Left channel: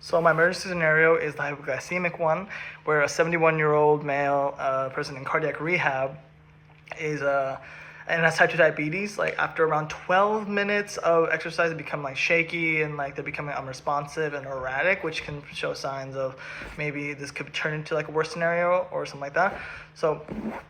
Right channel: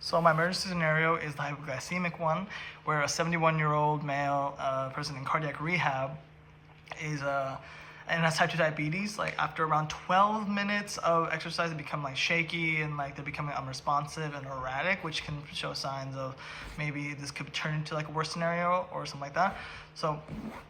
So my emergency scenario is the hypoglycemic one, where a 71-year-old male person in cardiac rehab is and has type 2 diabetes. Like after around 12 minutes of exercise, they become like shaky and like they're becoming unresponsive and erratic, which can show signs of maybe this could turn into like a worse scenario or something like that. So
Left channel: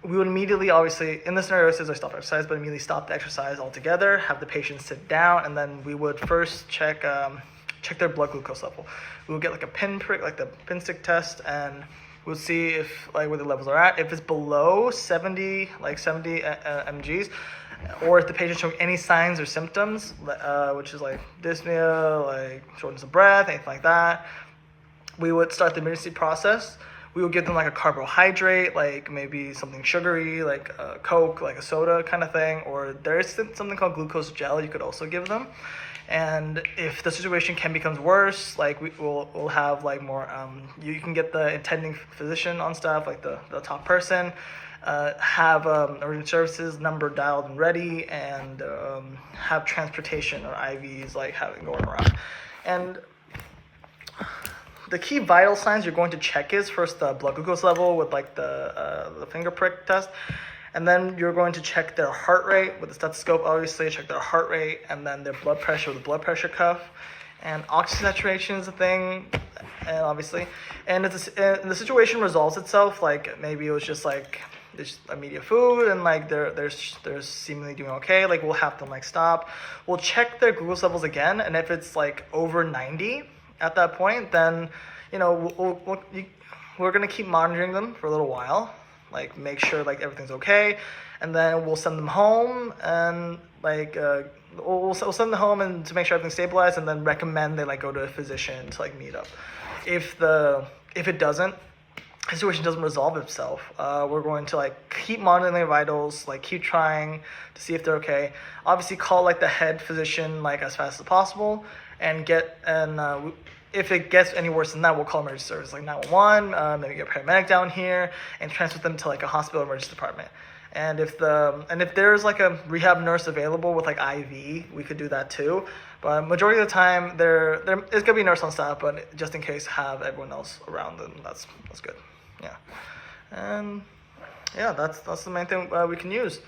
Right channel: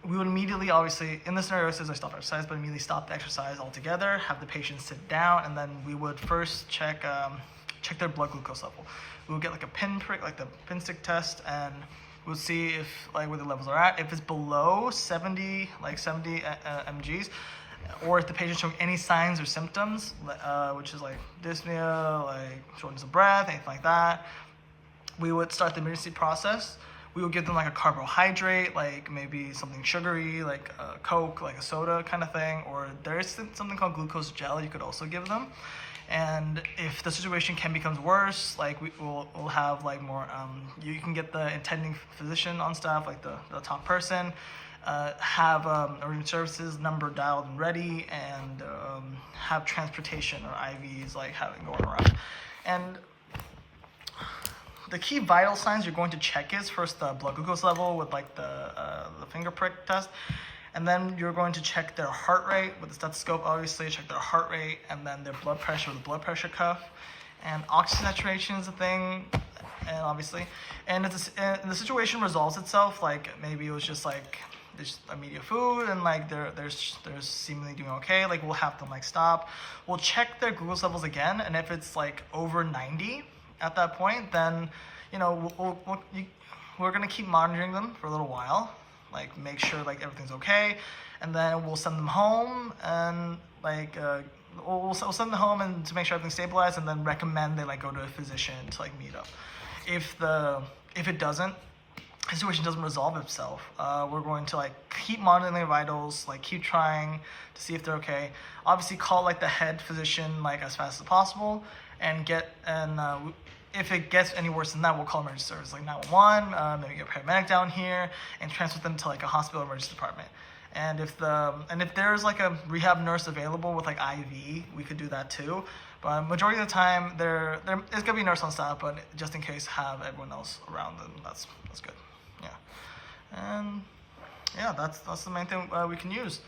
we would immediately, obviously, in this scenario, it says I stop exercise, but immediately stop the exercise altogether, have the patient sit down, and then we would first check their blood glucose level. We would get like a pinprick, like the pin stick test, and we'll see if like where the levels are at. If it's below 70, like 70 mgs, or if the patient's showing any signs or symptoms, which is like dyspnea, like shortness of breath, anything like that, we would start the emergency process. We would give them like a carbohydrate, like maybe something sugary, like a Coke, like a soda kind of thing, or there's something called glucose gel you could also give them. And if the situation becomes worse, like we'll have like more, you can get the attending physician on staff, like the top person, have emergency services number dialed and ready, and have transportation or IVs like having going around. And the key vital signs you're going to check is first the blood glucose level with like the finger prick test. And then you're going to check their heart rate with the stethoscope, obviously, check their heart rate, and then their blood pressure with the blood pressure cuff. And oxygen saturation is a thing, and obviously. And if the situation resolves itself, like maybe it was just like there's immediate food and like they're seemingly doing okay, like we'll have them like stop. We'll check their glucose levels again, and if it's like over 90 at that point, then we're gonna keep monitoring them for a little while. Like make sure like everything's okay, and then we'll send them home and like we'll send them home and to make sure everything's stabilized, and then recommend they like go to a physician to like meet up. If the situation doesn't resolve itself, we're going to like keep monitoring their vitals, like keep trying to see if they're okay. Obviously call like the head physician like as fast as possible, and if it gets any worse than that, we'll call emergency service like 911, maybe get a paramedic down here and transfer them to like a hospital emergency department. And if there's like a rehab nurse available with like IV, we could do that too. But majority of the time, there's gonna be a nurse on staff, but just in case, have everyone else around them. That's good. Yeah, and yeah, that's the main thing we can use.